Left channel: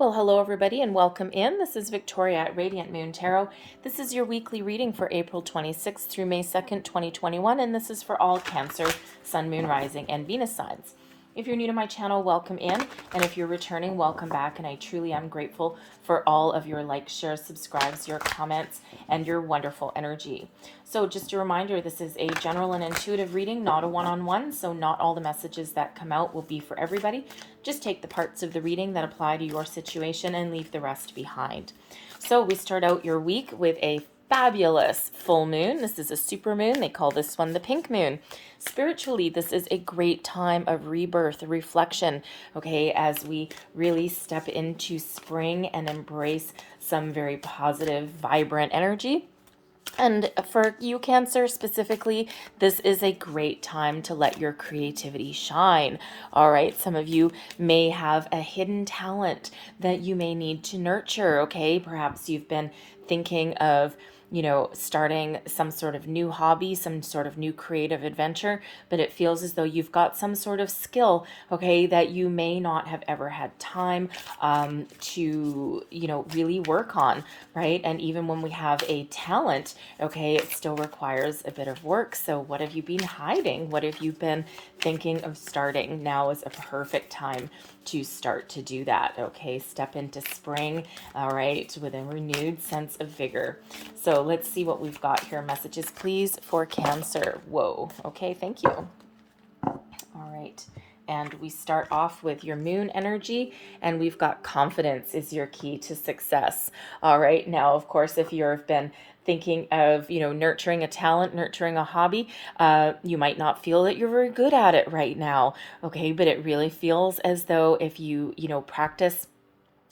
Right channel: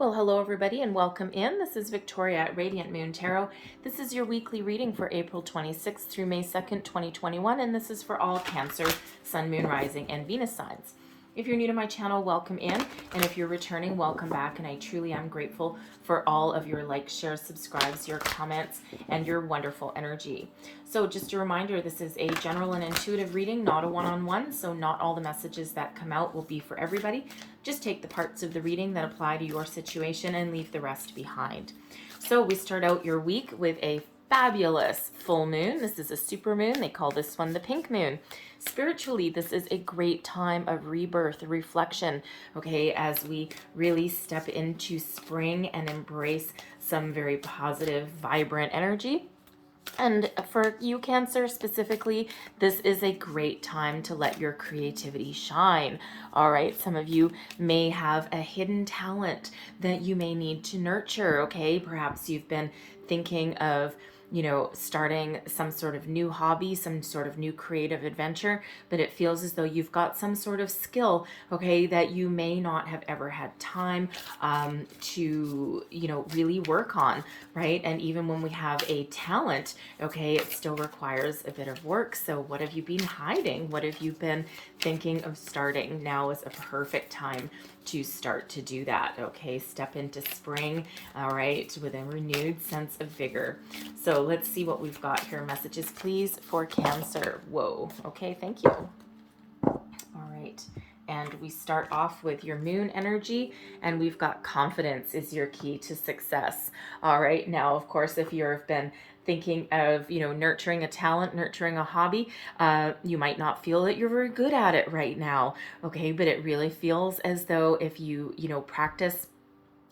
Well, hello everybody and welcome in. This is Victoria at Radiant Moon Tarot. This is your weekly reading for April 26th through May 2nd, 2021, and this is for all Cancer, Sun, Moon, Rising, and Venus signs. If you're new to my channel, welcome in, and if you're returning, welcome back, and I truly am grateful for all of your likes, shares, subscribes, your comments, and your wonderful energy. So just a reminder, this is a general and intuitive reading, not a one-on-one, so not all the messages that come out will be for everybody. Just take the parts of the reading that apply to your situation and leave the rest behind. So we start out your week with a fabulous full moon. This is a super moon. They call this one the pink moon. Spiritually, this is a great time of rebirth, reflection, okay, as we really step into spring and embrace some very positive, vibrant energy. And for you, Cancer, specifically, this is a great time to let your creativity shine. All right, some of you may have a hidden talent that you may need to nurture, okay? Perhaps you've been thinking of starting some sort of new hobby, some sort of new creative adventure, but it feels as though you've got some sort of skill, okay, that you may not have ever had time to, really work on, right? And even when we have a talent, okay, it still requires a bit of work. So what have you been hiding? What have you been thinking of starting? Now is a perfect time to start to do that, okay? Step into spring, all right, with a renewed sense of vigor. So let's see what we've got here. Messages, please, for Cancer. Whoa, okay, thank you. All right. And we start off with your moon energy, and we've got confidence is your key to success. All right. Now, of course, if you've been thinking of, nurturing a talent, nurturing a hobby, you might not feel that you're very good at it right now. Okay. But it really feels as though if you, practice.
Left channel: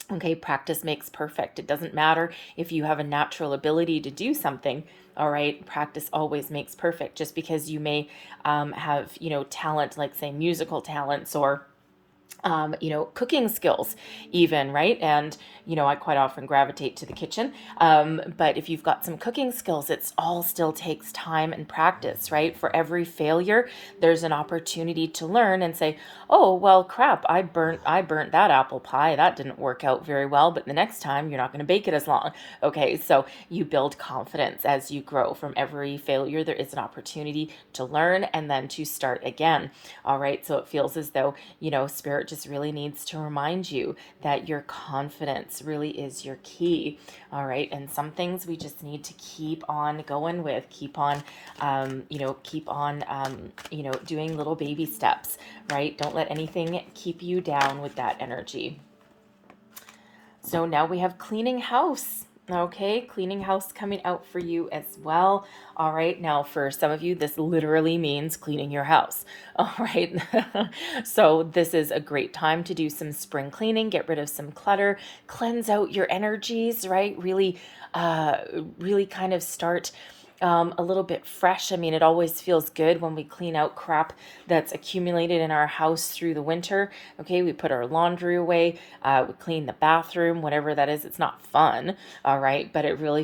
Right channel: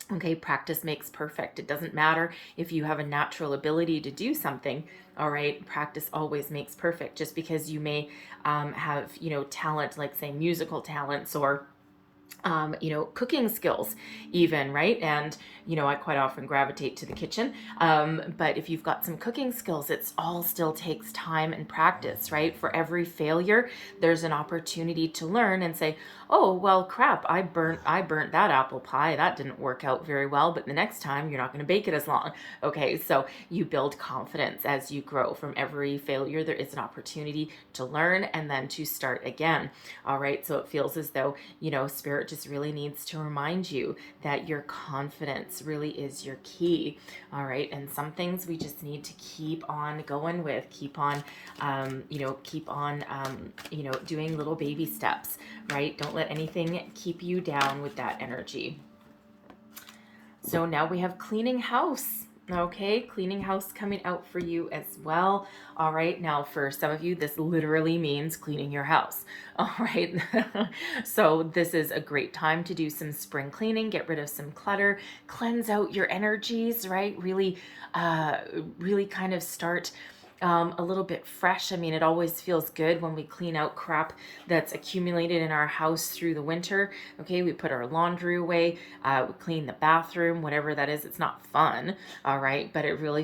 Okay, practice makes perfect. It doesn't matter if you have a natural ability to do something. All right, practice always makes perfect. Just because you may have, talent, like say musical talents or cooking skills even, right? And, I quite often gravitate to the kitchen. But if you've got some cooking skills, it's all still takes time and practice, right? For every failure, there's an opportunity to learn and say, oh, well, crap, I burnt that apple pie. That didn't work out very well, but the next time you're not going to bake it as long. Okay, so you build confidence as you grow. From every failure, there is an opportunity to learn and then to start again. All right, so it feels as though, Spirit just really needs to remind you that your confidence really is your key. All right, and some things we just need to keep on going with, keep on, doing little baby steps, right? Don't let anything keep you down with that energy. So now we have cleaning house. Okay, cleaning house coming out for you as well. All right, now for some of you, this literally means cleaning your house. All right, so this is a great time to do some spring cleaning, get rid of some clutter, cleanse out your energies, right? Really, really kind of start a little bit fresh. I mean, it always feels good when we clean out crap that's accumulated in our house through the winter. Okay, we put our laundry away, we clean the bathroom, whatever that is. It's not fun, all right, but it really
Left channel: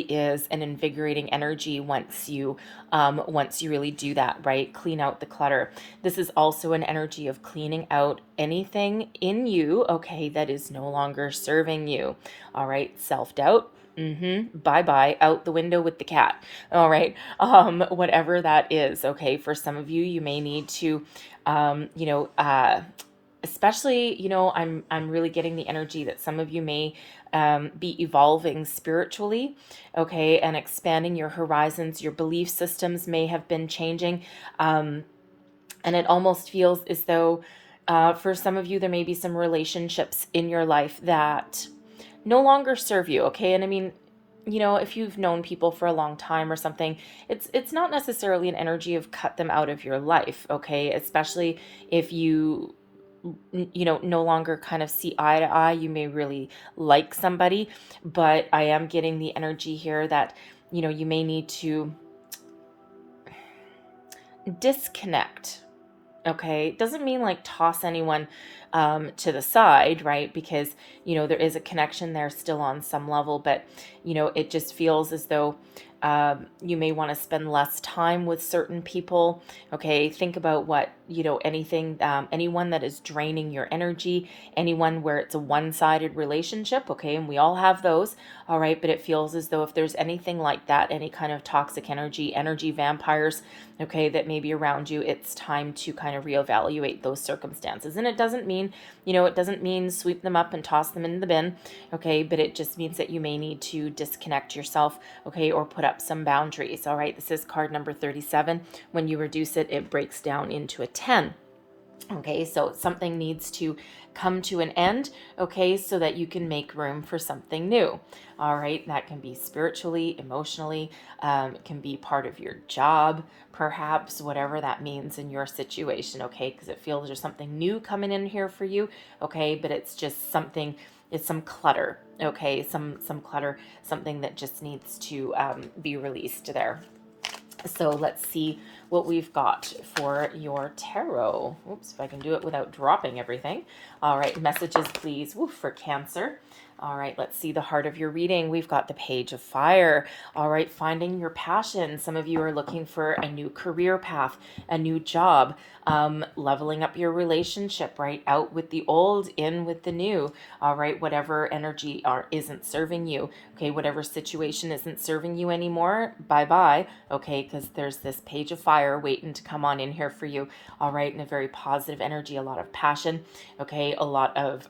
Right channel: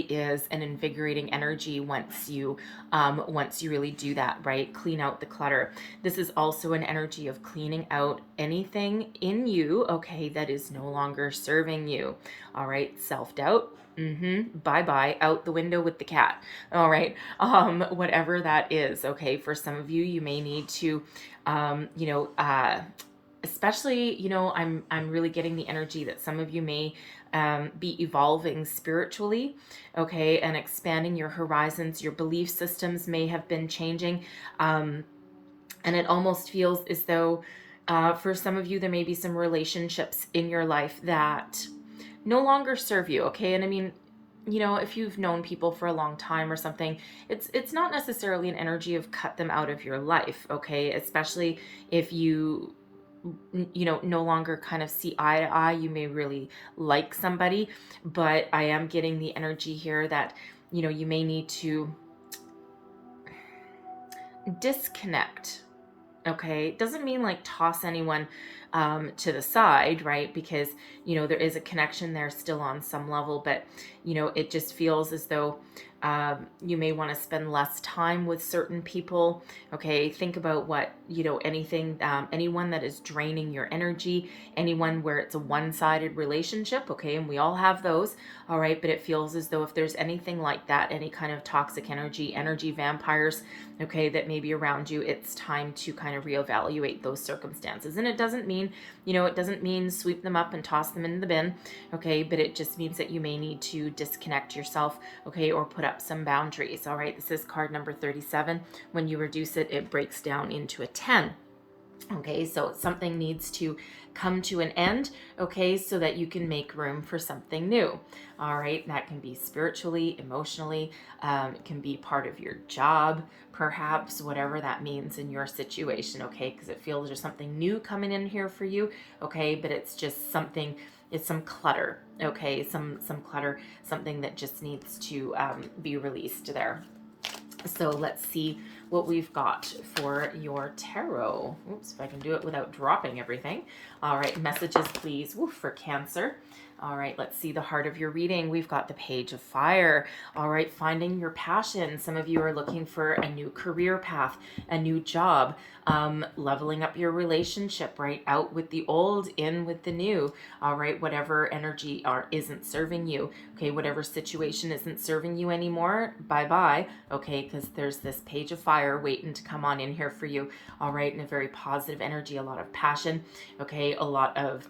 is an invigorating energy once you really do that, right? Clean out the clutter. This is also an energy of cleaning out anything in you, okay, that is no longer serving you. All right, self-doubt. Bye-bye, out the window with the cat. All right. Whatever that is. Okay. For some of you, you may need to, especially, I'm really getting the energy that some of you may be evolving spiritually, okay, and expanding your horizons. Your belief systems may have been changing, and it almost feels as though for some of you there may be some relationships in your life that no longer serve you, okay? And I mean, if you've known people for a long time or something, it's not necessarily an energy of cut them out of your life, okay? Especially if you no longer kind of see eye to eye. You may really like somebody, but I am getting the energy here that you may need to disconnect. Okay, it doesn't mean like toss anyone to the side, right? Because there is a connection there still on some level, but it just feels as though You may want to spend less time with certain people. Okay, think about what, anything, anyone that is draining your energy, anyone where it's a one-sided relationship. Okay, and we all have those. All right, but it feels as though if there's anything like that, any kind of toxic energy vampires, okay, that may be around you, it's time to kind of reevaluate those circumstances. And it doesn't mean, it doesn't mean sweep them up and toss them in the bin, okay, but it just means that you may need to disconnect yourself, okay, or put up some boundaries. All right, this is card number 37. When you reduce it, it breaks down into a 10. Okay, so something needs to come to an end, okay, so that you can make room for something new. All right, that can be spiritually, emotionally, it can be part of your job, perhaps, whatever that means in your situation, okay, because it feels there's something new coming in here for you, okay, but it's just something, it's some clutter, okay, some clutter, something that just needs to be released there. So let's see what we've got for your tarot. Oops, if I can do it without dropping everything. All right, messages, please. Woof, for Cancer. All right, let's see the heart of your reading. We've got the Page of Fire. All right, finding your passion. Some of you are looking for a new career path, a new job, leveling up your relationship, right? Out with the old, in with the new. All right, whatever energy isn't serving you. Okay, whatever situation isn't serving you anymore, bye-bye. Okay, because there's this Page of Fire waiting to come on in here for you. All right, and a very positive energy, a lot of passion. Okay, a lot of...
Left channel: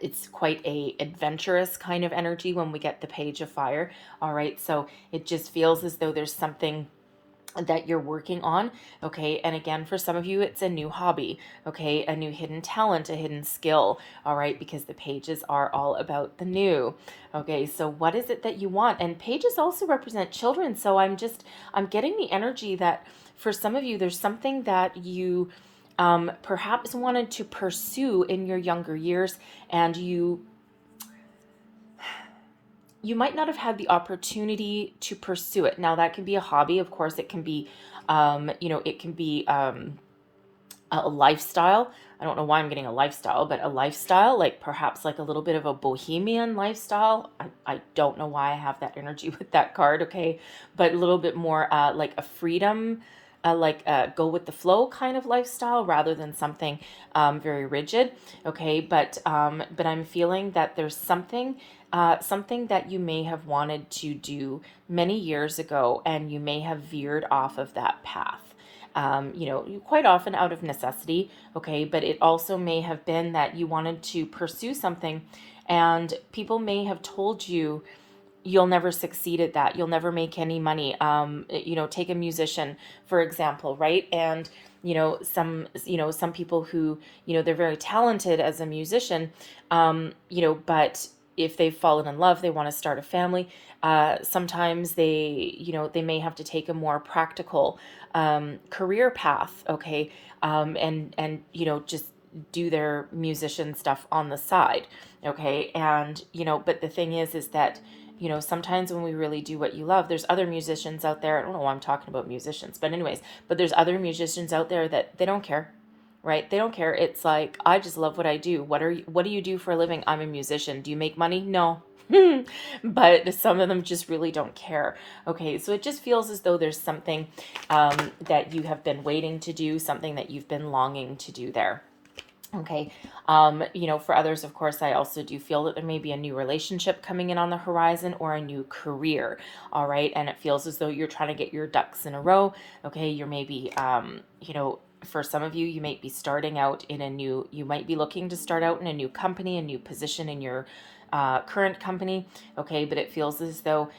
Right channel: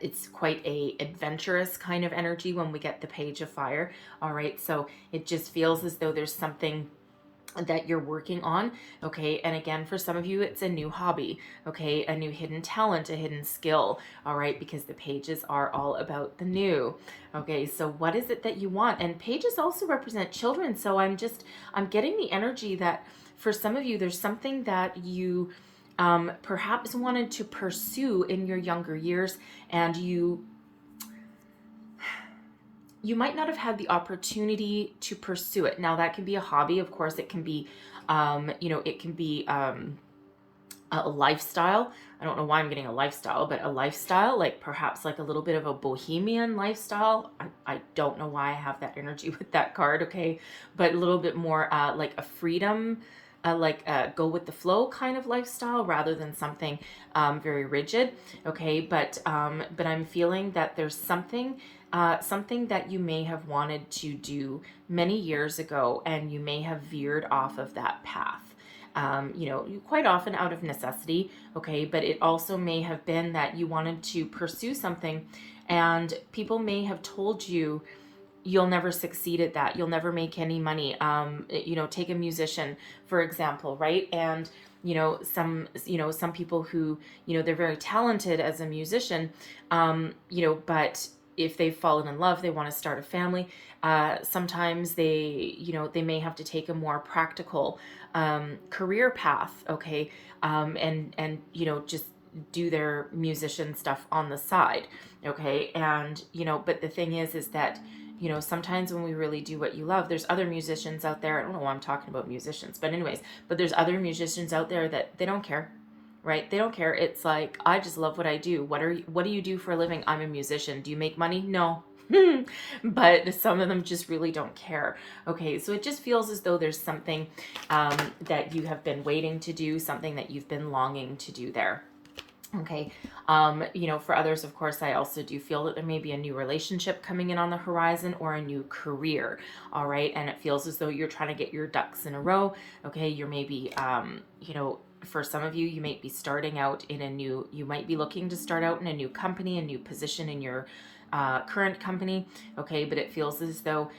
it's quite a adventurous kind of energy when we get the Page of Fire. All right, so it just feels as though there's something that you're working on. Okay, and again, for some of you, it's a new hobby. Okay, a new hidden talent, a hidden skill. All right, because the pages are all about the new. Okay, so what is it that you want? And pages also represent children, so I'm getting the energy that for some of you, there's something that you perhaps wanted to pursue in your younger years, and you might not have had the opportunity to pursue it. Now, that can be a hobby, of course. It can be, it can be a lifestyle. I don't know why I'm getting a lifestyle, but a lifestyle, like perhaps like a little bit of a bohemian lifestyle. I don't know why I have that energy with that card, okay? But a little bit more like a freedom, like go with the flow kind of lifestyle rather than something very rigid, okay? But I'm feeling that there's something that you may have wanted to do many years ago, and you may have veered off of that path. Quite often out of necessity, okay? But it also may have been that you wanted to pursue something, and people may have told you, you'll never succeed at that. You'll never make any money. Take a musician, for example, right? And, some people who, they're very talented as a musician, but if they've fallen in love, they want to start a family. Sometimes they may have to take a more practical career path, okay? And just do their musician stuff on the side, okay? And, but the thing is that, sometimes when we really do what you love, there's other musicians out there. I don't know why I'm talking about musicians, but anyways, but there's other musicians out there that they don't care, right? They don't care. It's like, I just love what I do. What do you do for a living? I'm a musician. Do you make money? No. But some of them just really don't care. Okay, so it just feels as though there's something that you have been waiting to do, something that you've been longing to do there. Okay, for others, of course, I also do feel that there may be a new relationship coming in on the horizon, or a new career, all right? And it feels as though you're trying to get your ducks in a row, okay? You're maybe, for some of you, you might be starting out in you might be looking to start out in a new company, a new position in your current company, okay? But it feels as though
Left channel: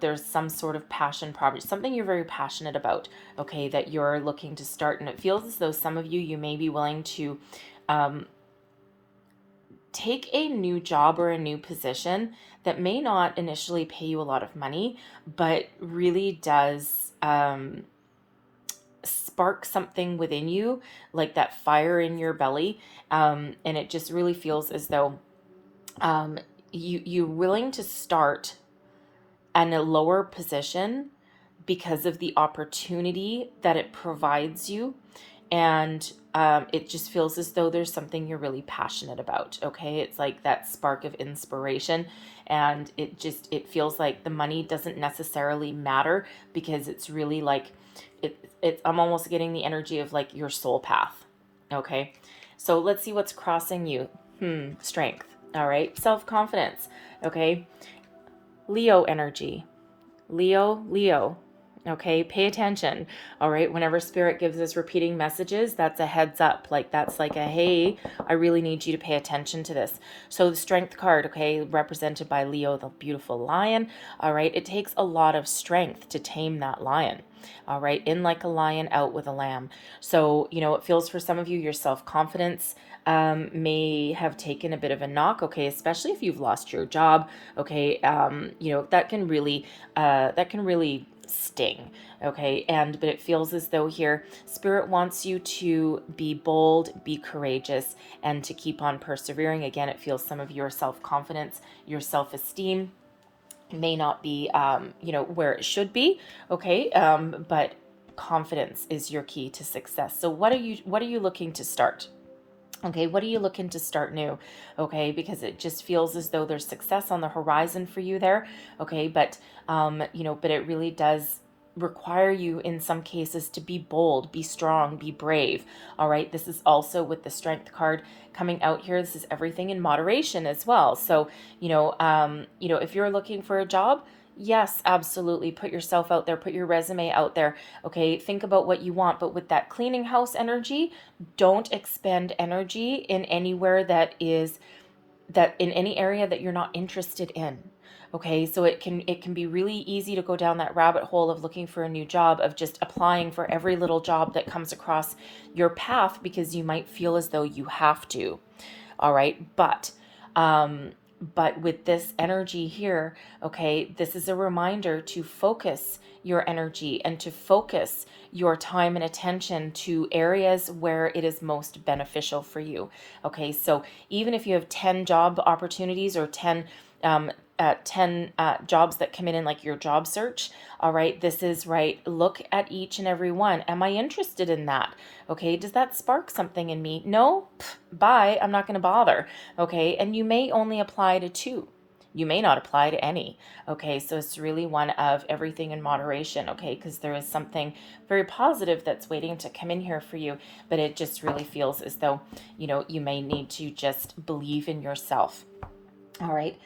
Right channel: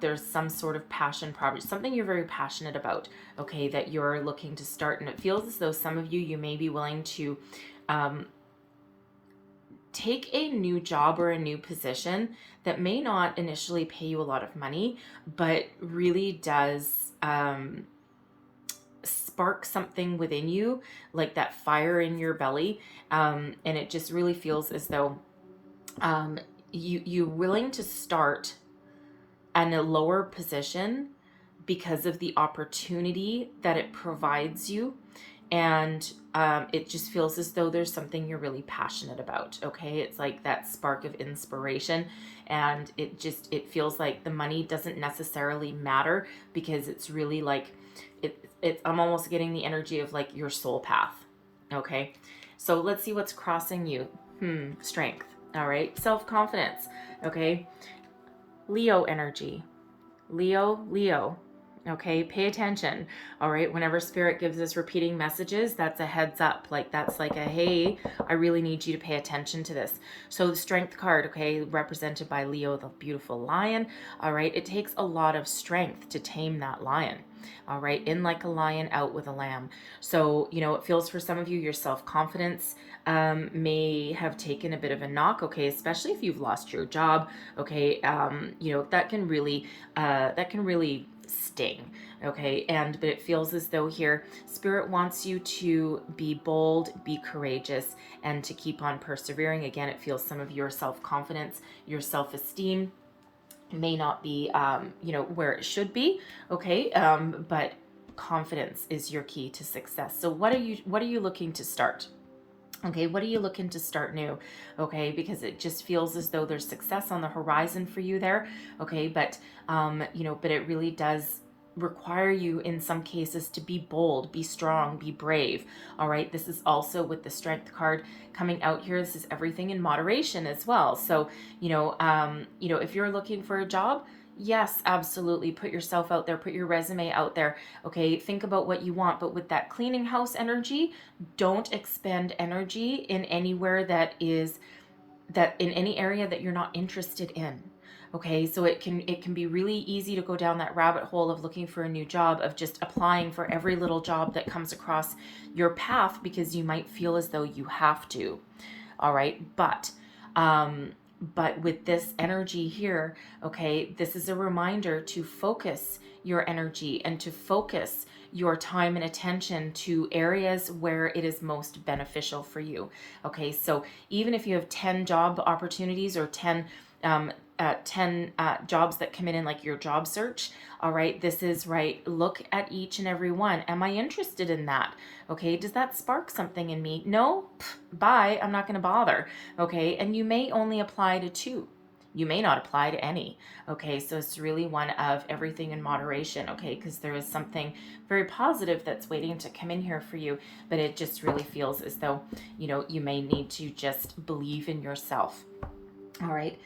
there's some sort of passion project, something you're very passionate about, okay, that you're looking to start. And it feels as though some of you may be willing to take a new job or a new position that may not initially pay you a lot of money, but really does spark something within you, like that fire in your belly. And it just really feels as though you're willing to start in a lower position because of the opportunity that it provides you. And it just feels as though there's something you're really passionate about. Okay, it's like that spark of inspiration, and it feels like the money doesn't necessarily matter, because it's really like I'm almost getting the energy of like your soul path. Okay, so let's see what's crossing you. Strength. All right, self-confidence. Okay, Leo energy. Leo. Okay, pay attention. All right, whenever spirit gives us repeating messages, that's a heads up. Like that's like a, hey, I really need you to pay attention to this. So the strength card, okay, represented by Leo, the beautiful lion. All right, it takes a lot of strength to tame that lion. All right, in like a lion, out with a lamb. So, it feels for some of you, your self-confidence may have taken a bit of a knock, okay, especially if you've lost your job, okay, that can really sting, okay, but it feels as though here spirit wants you to be bold, be courageous, and to keep on persevering. Again, it feels some of your self-confidence, your self-esteem may not be where it should be, okay, but confidence is your key to success. So what are you looking to start? Okay, what are you looking to start new? Okay, because it just feels as though there's success on the horizon for you there. Okay, but but it really does require you in some cases to be bold, be strong, be brave. All right, this is also with the strength card coming out here. This is everything in moderation as well. So if you're looking for a job, yes, absolutely. Put yourself out there, put your resume out there. Okay, think about what you want. But with that cleaning house energy, don't expend energy in anywhere that in any area that you're not interested in. Okay, so it can be really easy to go down that rabbit hole of looking for a new job, of just applying for every little job that comes across your path, because you might feel as though you have to. All right, but with this energy here, okay, this is a reminder to focus your energy and to focus your time and attention to areas where it is most beneficial for you. Okay, so even if you have 10 job opportunities or 10 jobs that come in like your job search, all right, this is right. Look at each and every one. Am I interested in that? Okay, does that spark something in me? No? Bye. I'm not going to bother. Okay, and you may only apply to 2. You may not apply to any. Okay, so it's really one of everything in moderation, okay, because there is something very positive that's waiting to come in here for you, but it just really feels as though, you may need to just believe in yourself. All right.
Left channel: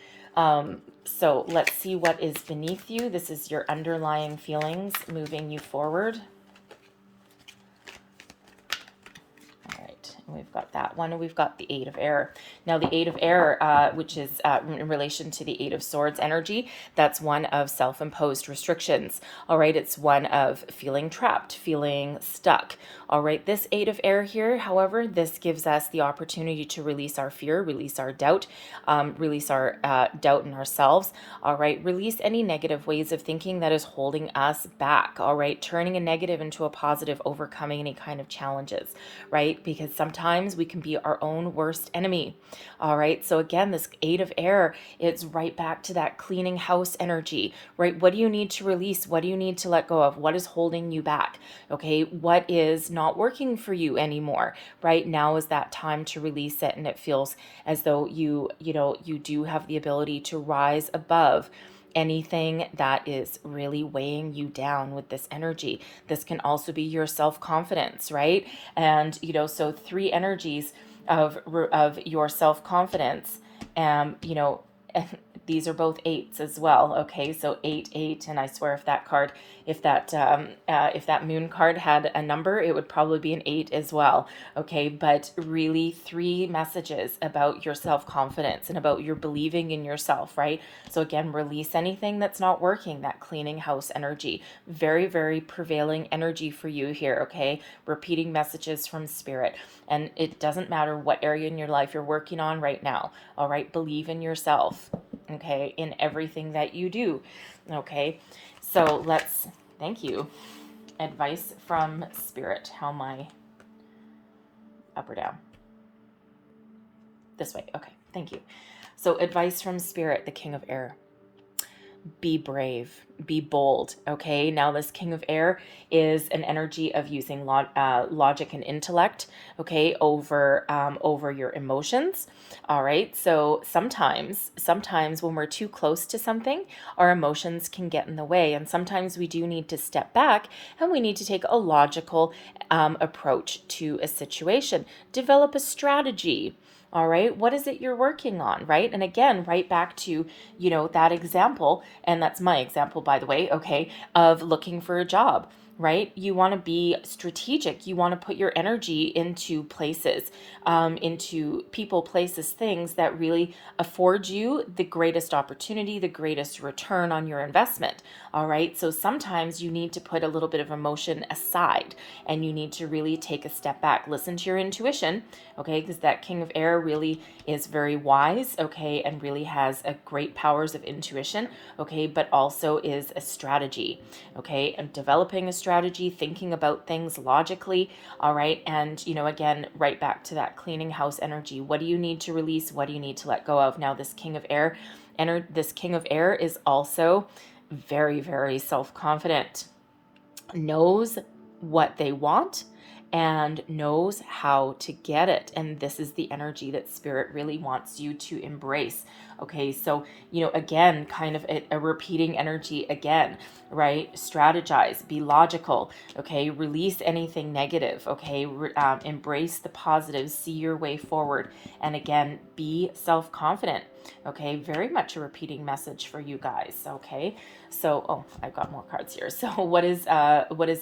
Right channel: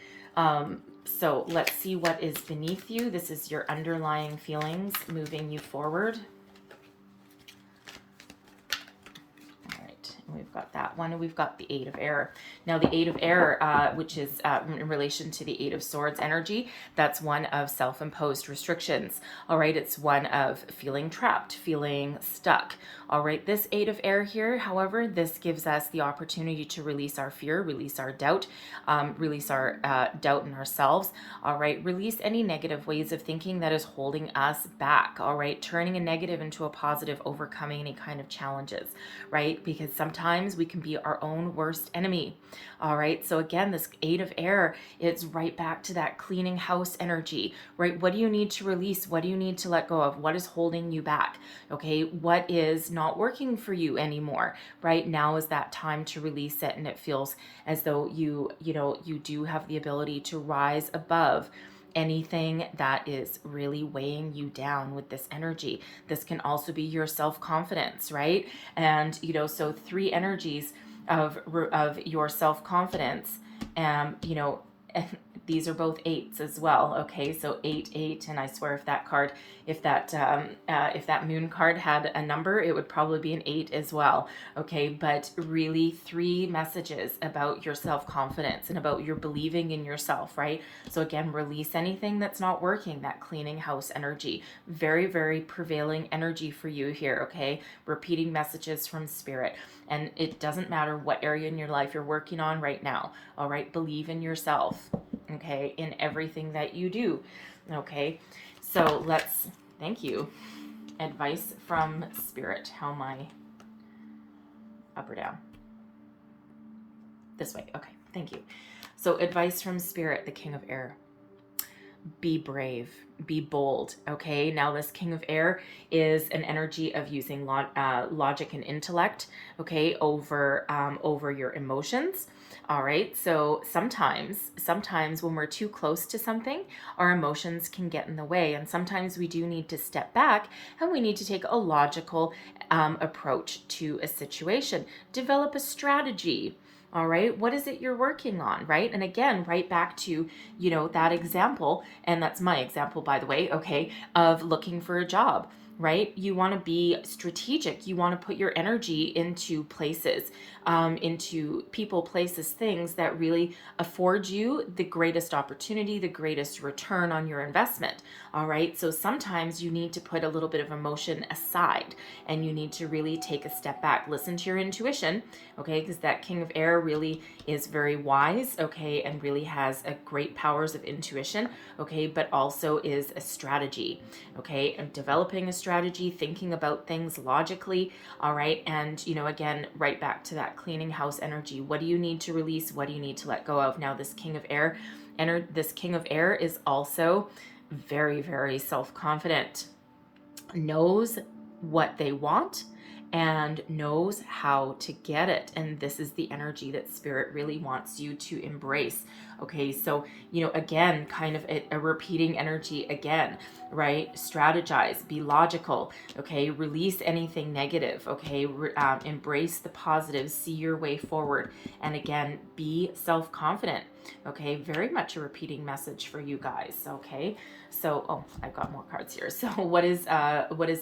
So let's see what is beneath you. This is your underlying feelings moving you forward. We've got that one, and we've got the 8 of Air. Now, the 8 of Air, which is in relation to the 8 of Swords energy, that's one of self-imposed restrictions. All right, it's one of feeling trapped, feeling stuck. All right, this 8 of Air here, however, this gives us the opportunity to release our fear, release our doubt, release our doubt in ourselves. All right, release any negative ways of thinking that is holding us back. All right, turning a negative into a positive, overcoming any kind of challenges, right? Because sometimes we can be our own worst enemy. All right, so again, this 8 of Air, it's right back to that cleaning house energy, right? What do you need to release? What do you need to let go of? What is holding you back? Okay, what is not working for you anymore? Right now is that time to release it, and it feels as though you do have the ability to rise above anything that is really weighing you down with this energy. This can also be your self-confidence, right? And so 3 energies of your self-confidence, these are both 8s as well. Okay, so 8, and I swear if that moon card had a number, it would probably be an 8 as well. Okay, but really 3 messages about your self-confidence and about your believing in yourself, right? So again, release anything that's not working, that cleaning house energy. Very, very prevailing energy for you here, okay? Repeating messages from spirit. And it doesn't matter what area in your life you're working on right now, all right? Believe in yourself, okay, in everything that you do, okay? So thank you. Advice from spirit. How am I? Up or down? This way, okay, thank you. So advice from spirit, the King of Air. be brave, be bold. Okay, now this King of Air is an energy of using logic and intellect, okay, over your emotions. All right, so sometimes when we're too close to something, our emotions can get in the way, and sometimes we do need to step back and we need to take a logical approach to a situation. Develop a strategy. All right, what is it you're working on, right? And again, right back to, that example, and that's my example, by the way, okay, of looking for a job, right? You want to be strategic. You want to put your energy into places, into people, places, things that really afford you the greatest opportunity, the greatest return on your investment. All right. So sometimes you need to put a little bit of emotion aside and you need to really take a step back, listen to your intuition. Okay. Because that King of Air really is very wise. Okay. And really has a great powers of intuition. Okay. But also is a strategy. Okay. And developing a strategy, thinking about things logically. All right. And, again, right back to that cleaning house energy. What do you need to release? What do you need to let go of? Now, this King of Air, this King of Air is also very, very self-confident, knows what they want and knows how to get it. And this is the energy that Spirit really wants you to embrace. Okay, so, again, kind of a repeating energy again, right? Strategize, be logical, okay? Release anything negative, okay? Embrace the positives, see your way forward. And again, be self-confident, okay? Very much a repeating message for you guys, okay? So, I've got more cards here. So what is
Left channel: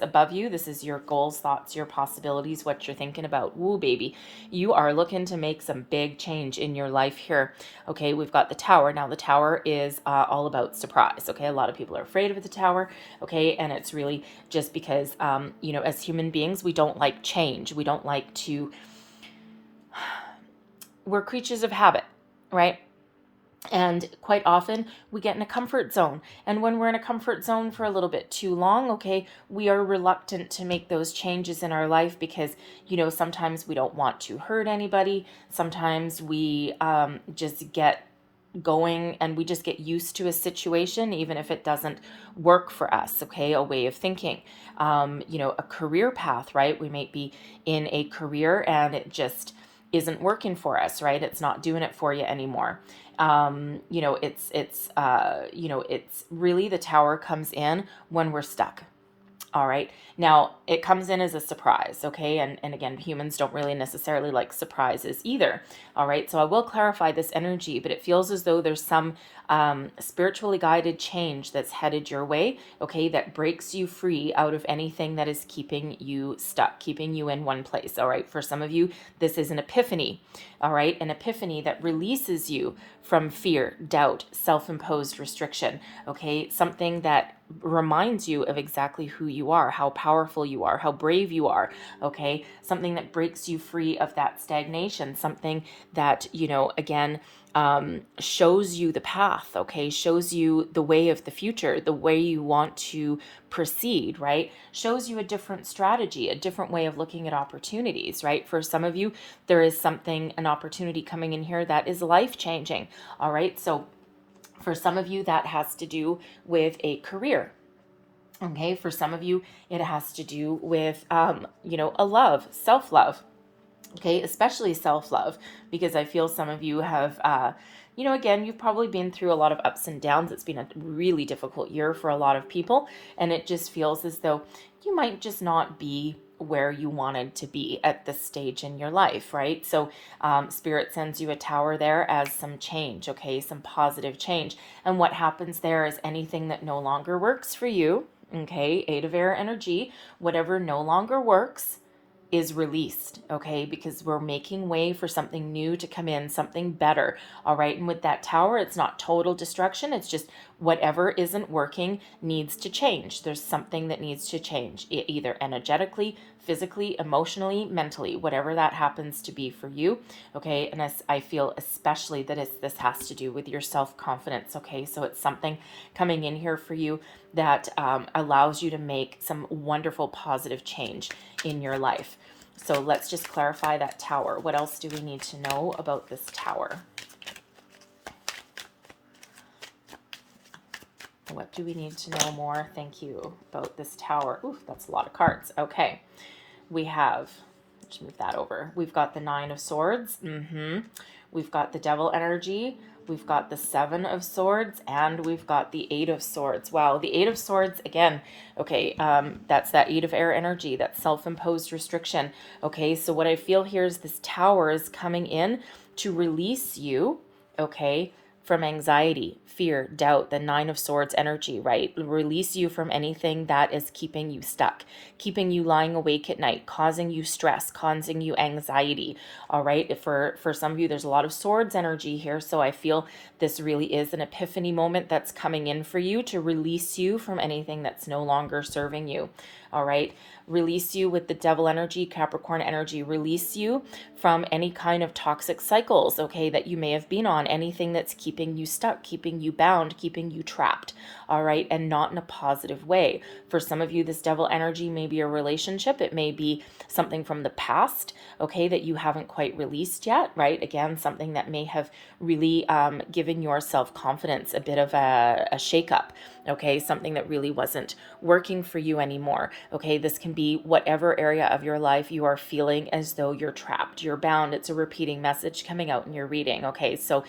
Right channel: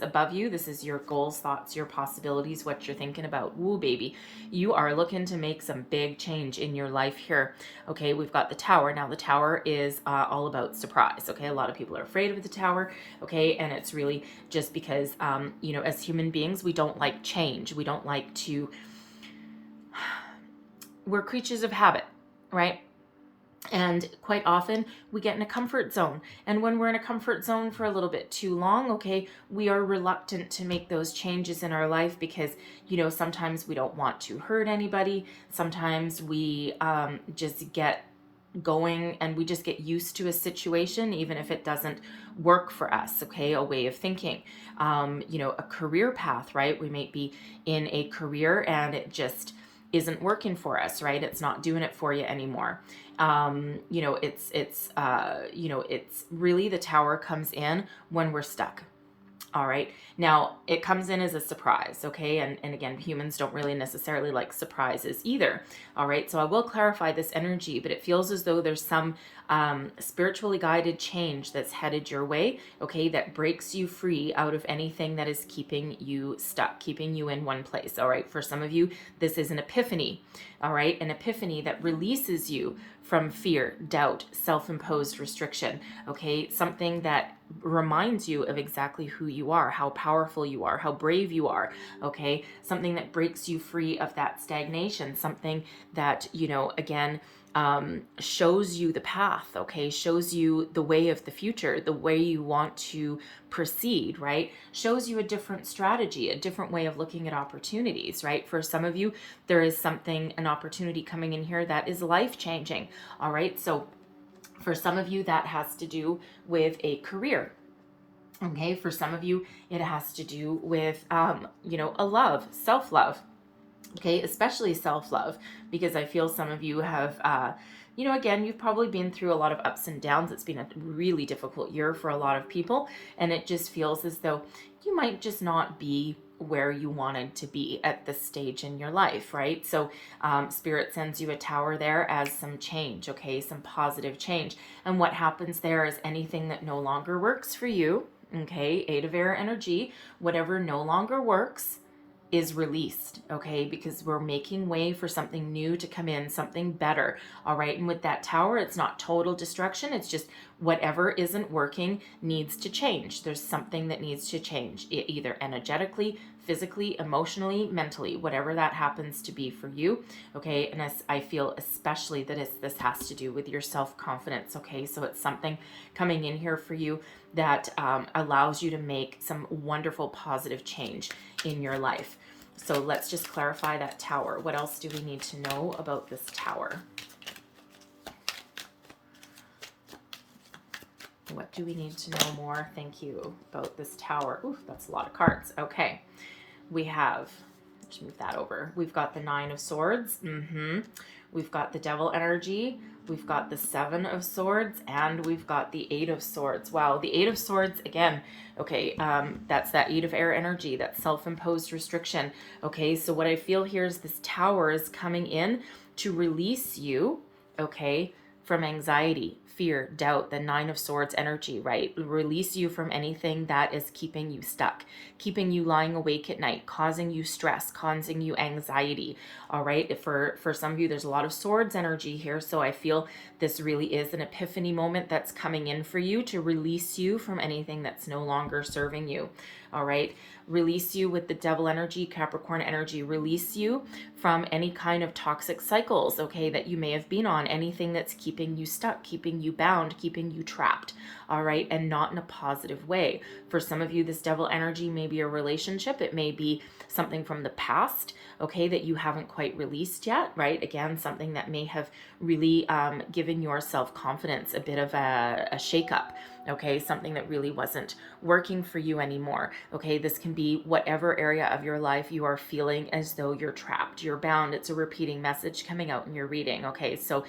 above you? This is your goals, thoughts, your possibilities, what you're thinking about. Woo, baby. You are looking to make some big change in your life here. Okay, we've got the Tower. Now, the Tower is all about surprise. Okay, a lot of people are afraid of the Tower. Okay, and it's really just because, as human beings, we don't like change. We don't like to, we're creatures of habit, right? And quite often we get in a comfort zone. And when we're in a comfort zone for a little bit too long, okay, we are reluctant to make those changes in our life because, sometimes we don't want to hurt anybody. Sometimes we just get going and we just get used to a situation, even if it doesn't work for us, okay, a way of thinking. A career path, right? We might be in a career and it just isn't working for us, right? It's not doing it for you anymore. It's really the Tower comes in when we're stuck. All right. Now, it comes in as a surprise, okay? And again, humans don't really necessarily like surprises either. All right. So I will clarify this energy, but it feels as though there's some spiritually guided change that's headed your way, okay, that breaks you free out of anything that is keeping you stuck, keeping you in one place. All right. For some of you, this is an epiphany. All right. An epiphany that releases you from fear, doubt, self-imposed restriction, okay? Something that reminds you of exactly who you are, how powerful you are, how brave you are, okay? Something that breaks you free of that stagnation, something that, again, shows you the path, okay? Shows you the way of the future, the way you want to proceed, right? Shows you a different strategy, a different way of looking at opportunities, right? For some of you, there is an opportunity coming in here that is life-changing, all right? So for some of you, that has to do with a career. Okay, for some of you, it has to do with, a love, self-love. Okay, especially self-love, because I feel some of you have, again, you've probably been through a lot of ups and downs. It's been a really difficult year for a lot of people, and it just feels as though you might just not be where you wanted to be at this stage in your life, right? So Spirit sends you a Tower there as some change, okay, some positive change. And what happens there is anything that no longer works for you, okay, 8 of Air energy, whatever no longer works is released, okay, because we're making way for something new to come in, something better, all right? And with that Tower, it's not total destruction, it's just whatever isn't working needs to change. There's something that needs to change, either energetically, physically, emotionally, mentally, whatever that happens to be for you, okay? And I feel especially that this has to do with your self-confidence, okay? So it's something coming in here for you that allows you to make some wonderful positive change in your life. So let's just clarify that Tower. What else do we need to know about this Tower? What do we need to know more? Thank you. About this Tower. Ooh, that's a lot of cards. Okay. We have, just move that over. We've got the Nine of Swords. We've got the Devil energy. We've got the Seven of Swords, and we've got the Eight of Swords. Wow, the Eight of Swords, again, okay, that's that Eight of Air energy, that self-imposed restriction. Okay, so what I feel here is this Tower is coming in to release you, okay, from anxiety, fear, doubt, the Nine of Swords energy, right? Release you from anything that is keeping you stuck, keeping you lying awake at night, causing you stress, causing you anxiety. All right. For some of you, there's a lot of swords energy here. So I feel this really is an epiphany moment that's coming in for you to release you from anything that's no longer serving you. All right. Release you with the Devil energy, Capricorn energy, release you from any kind of toxic cycles, okay, that you may have been on, anything that's keeping you stuck, keeping you bound, keeping you trapped, all right, and not in a positive way. For some of you, this Devil energy may be a relationship, it may be something from the past, okay, that you haven't quite released yet, right? Again, something that may have really given your self-confidence a bit of a shakeup, okay, something that really wasn't working for you anymore, okay? This can be whatever area of your life you are feeling as though you're trapped, you're bound. It's a repeating message coming out in your reading, okay? So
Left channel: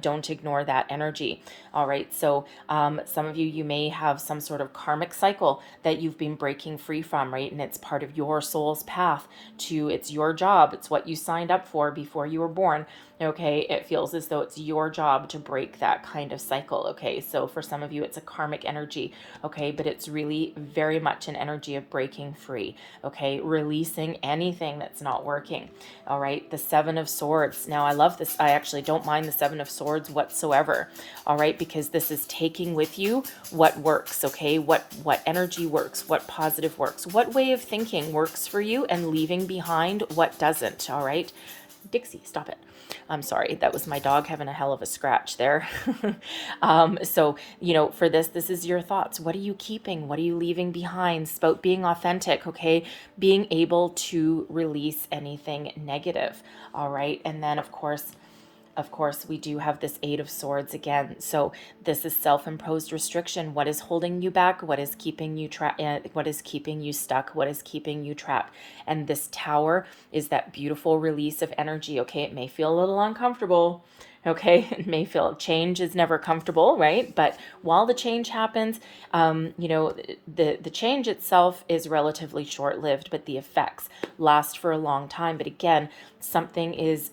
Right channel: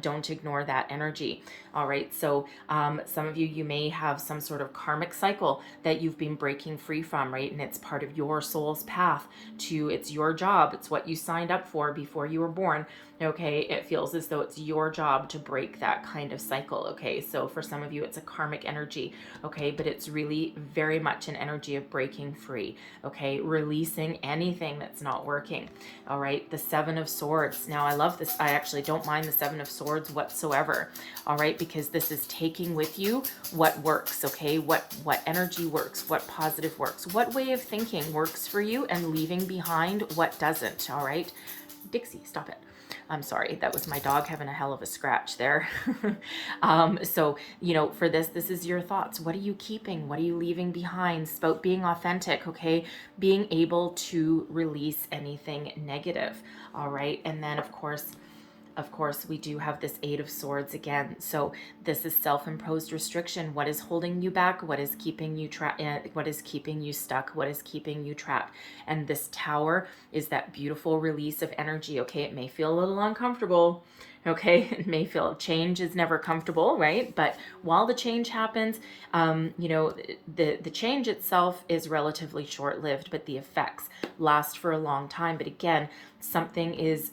don't ignore that energy, all right? So some of you may have some sort of karmic cycle that you've been breaking free from, right? And it's part of your soul's path to, it's your job, it's what you signed up for before you were born, okay? It feels as though it's your job to break that kind of cycle, okay? So for some of you, it's a karmic energy, okay? But it's really very much an energy of breaking free, okay? Releasing anything that's not working, all right? The Seven of Swords. Now, I love this. I actually don't mind the Seven of Swords whatsoever, all right? Because this is taking with you what works, okay? What energy works, what positive works, what way of thinking works for you, and leaving behind what doesn't, all right? Dixie, stop it. I'm sorry, that was my dog having a hell of a scratch there. So, you know, for this is your thoughts. What are you keeping? What are you leaving behind? It's about being authentic, okay? Being able to release anything negative, all right? And then, of course, we do have this Eight of Swords again. So this is self-imposed restriction. What is holding you back? What is keeping you what is keeping you stuck? What is keeping you trapped? And this Tower is that beautiful release of energy. Okay, it may feel a little uncomfortable. Okay, it may feel change is never comfortable, right? But while the change happens, you know, the change itself is relatively short-lived, but the effects last for a long time. But again, something is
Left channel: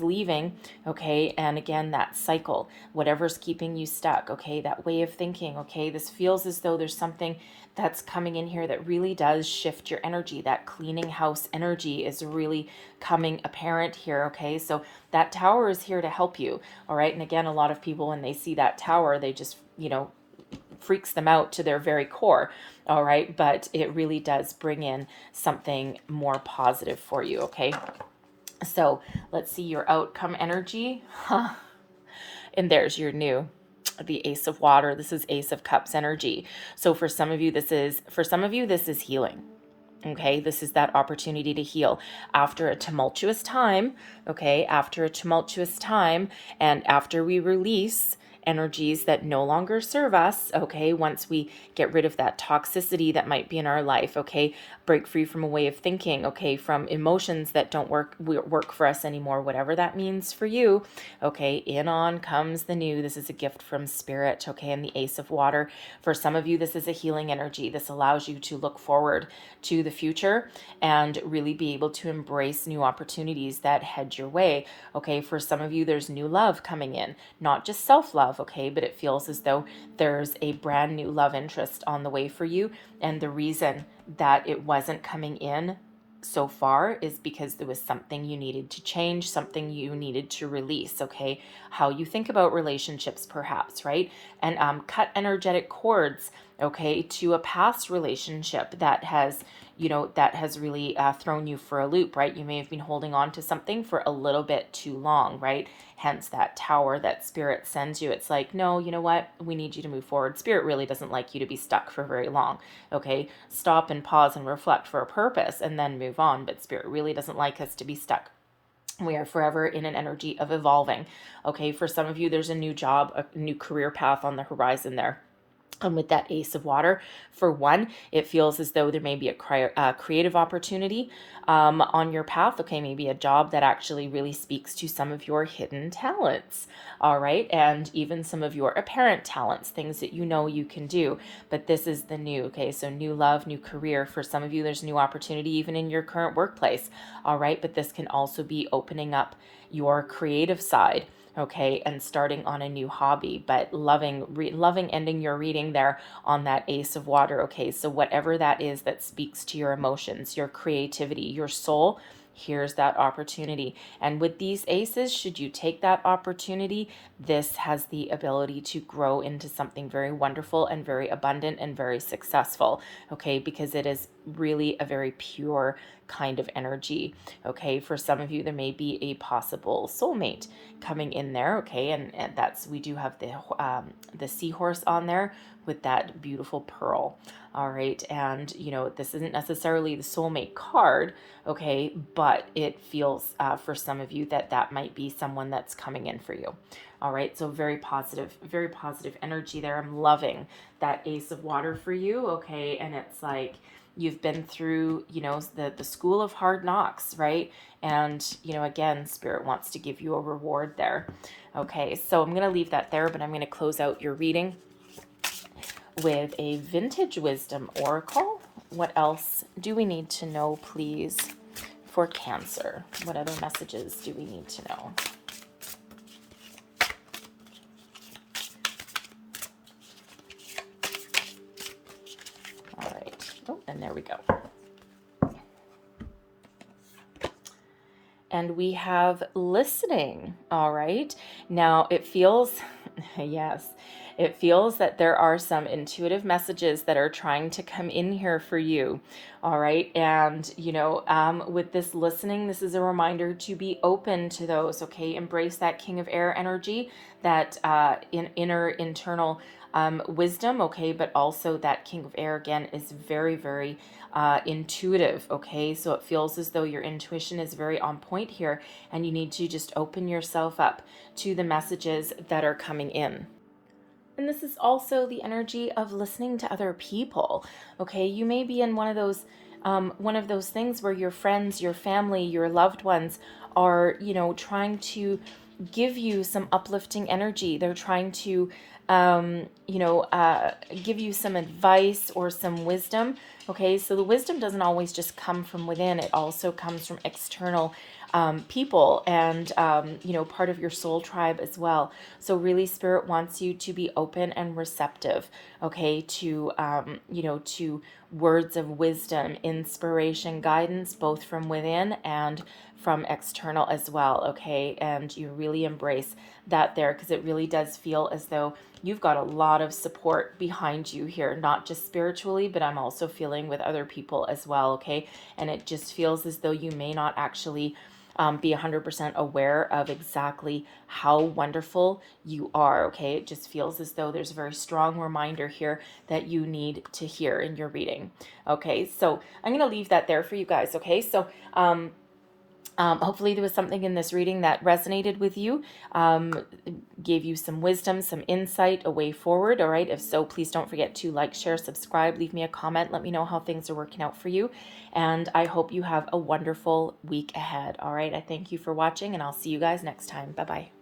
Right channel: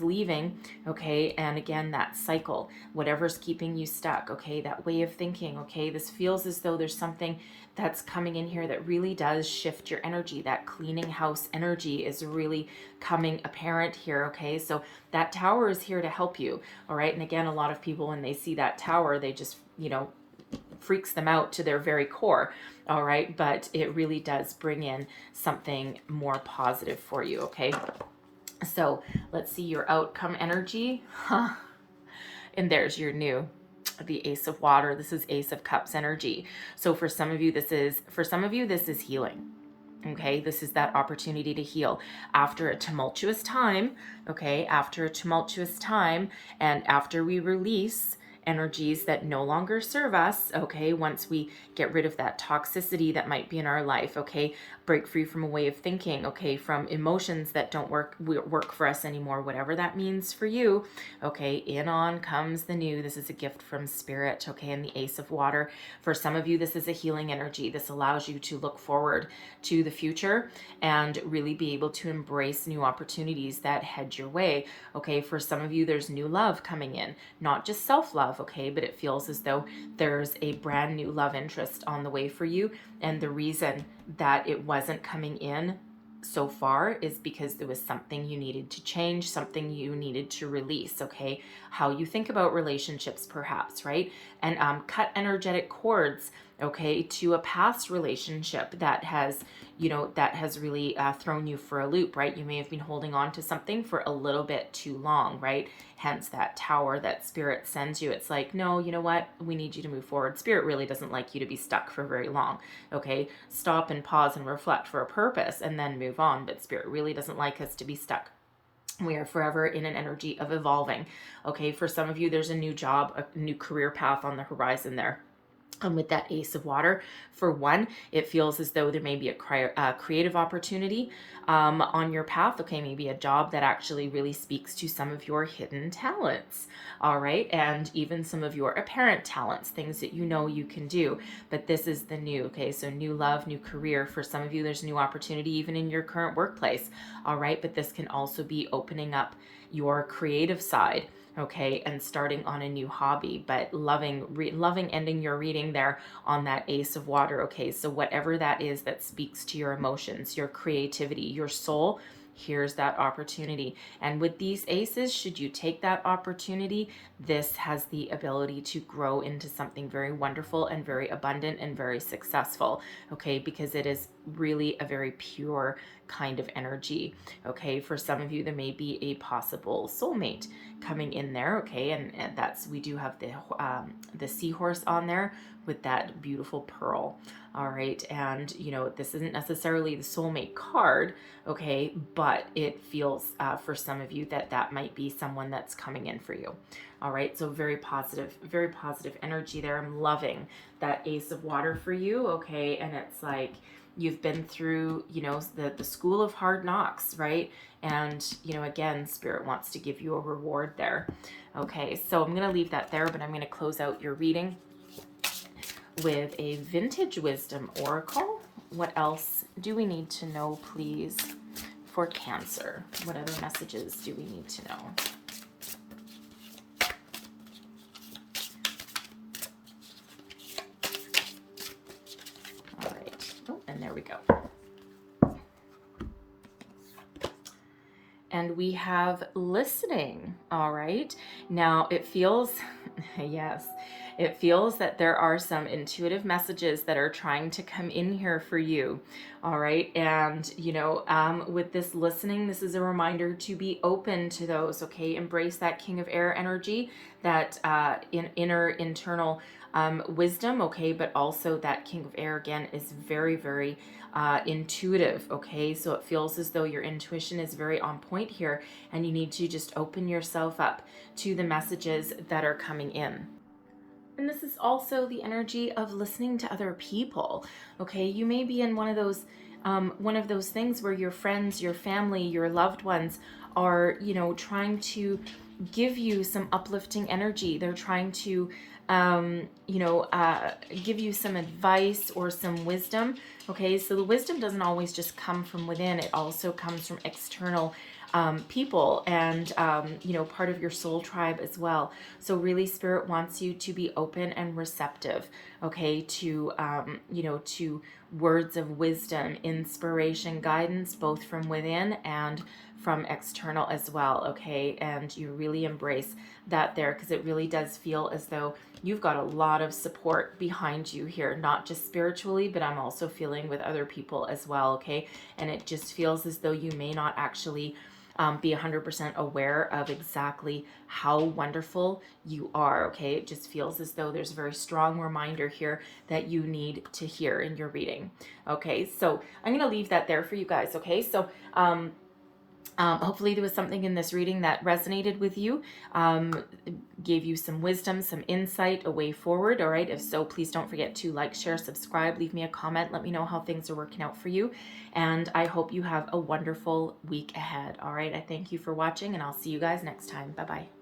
leaving, okay? And again, that cycle, whatever's keeping you stuck, okay? That way of thinking, okay? This feels as though there's something that's coming in here that really does shift your energy. That cleaning house energy is really coming apparent here, okay? So that Tower is here to help you, all right? And again, a lot of people, when they see that Tower, they just, you know, freaks them out to their very core, all right? But it really does bring in something more positive for you, okay? So let's see your outcome energy. And there's your new, the Ace of Water. This is Ace of Cups energy. So for some of you, this is healing. Okay, this is that opportunity to heal after a tumultuous time. Okay, after a tumultuous time, and after we release energies that no longer serve us, okay, once we get rid of that toxicity that might be in our life, okay, break free from a way of thinking, okay, from emotions that don't work for us anymore, whatever that means for you, okay, in on comes the new. This is a gift from Spirit, okay, and the Ace of Water. For some of you, this is a healing energy. This allows you to look forward to the future and really be able to embrace new opportunities that head your way, okay. For some of you, there's new love coming in, not just self-love, okay, but it feels as though there's a brand new love interest on the way for you. And the reason that it wasn't coming in so far is because there was something you needed to change, something you needed to release, okay? How you think about relationships, perhaps, right? And cut energetic cords, okay, to a past relationship that has, you know, that has really thrown you for a loop, right? You may have been holding on to something for a little bit too long, right? Hence that Tower that Spirit sends you. It's like, no, you know what? We need you to move forward. Spirit really doesn't like you to be stuck for very long, okay? Stop and pause and reflect for a purpose and then move on. But Spirit really doesn't like us to be stuck. We are forever in an energy of evolving. Okay, for some of you, there's a new job, a new career path on the horizon there. And with that Ace of Water, for one, it feels as though there may be a creative opportunity on your path. Okay, maybe a job that actually really speaks to some of your hidden talents. All right, and even some of your apparent talents, things that you know you can do. But this is the new. Okay, so new love, new career. For some of you, there's new opportunity even in your current workplace. All right, but this can also be opening up your creative side, okay, and starting on a new hobby, but loving ending your reading there on that Ace of Water. Okay, so whatever that is that speaks to your emotions, your creativity, your soul, here's that opportunity. And with these aces, should you take that opportunity, this has the ability to grow into something very wonderful and very abundant and very successful, okay, because it is really a very pure kind of energy. Okay, for some of you, there may be a possible soulmate coming in there. Okay, and that's, we do have the seahorse on there with that beautiful pearl. All right, and you know, this isn't necessarily the soulmate card, okay, but it feels for some of you that that might be someone that's coming in for you. All right, so very positive energy there. I'm loving that Ace of Water for you. Okay, and it's like you've been through, you know, the school of hard knocks, right? And, you know, again, Spirit wants to give you a reward there. Okay, so I'm going to leave that there, but I'm going to close out your reading with a Vintage Wisdom Oracle. What else do we need to know, please, for Cancer? What other messages do we need to know? All right. Oh, and there we go. And we have listening. All right. Now it feels, yes, it feels that there are some intuitive messages that are trying to come in here for you. All right. And, you know, with this listening, this is a reminder to be open to those. Okay. Embrace that King of Air energy, that internal wisdom. Okay. But also that King of Air, again, is very, very intuitive. Okay, so it feels as though your intuition is very on point here, and you need to just open yourself up to the messages that are coming in. And this is also the energy of listening to other people. Okay, you may be in one of those things where your friends, your family, your loved ones are, you know, trying to give you some uplifting energy. They're trying to give you some advice or some wisdom. Okay, so the wisdom doesn't always just come from within, it also comes from external people and, part of your soul tribe as well. So really, Spirit wants you to be open and receptive, okay, to, to words of wisdom, inspiration, guidance, both from within and from external as well, okay? And you really embrace that there, because it really does feel as though you've got a lot of support behind you here, not just spiritually, but I'm also feeling with other people as well, okay? And it just feels as though you may not actually be 100% aware of exactly how wonderful you are, okay? It just feels as though there's a very strong reminder here that you need to hear in your reading, okay? So I'm going to leave that there for you guys, okay? So hopefully there was something in this reading that resonated with you, gave you some wisdom, some insight, a way forward. All right. If so, please don't forget to like, share, subscribe, leave me a comment. Let me know how things are working out for you. And I hope you have a wonderful week ahead. All right. I thank you for watching, and I'll see you guys next time. Bye-bye.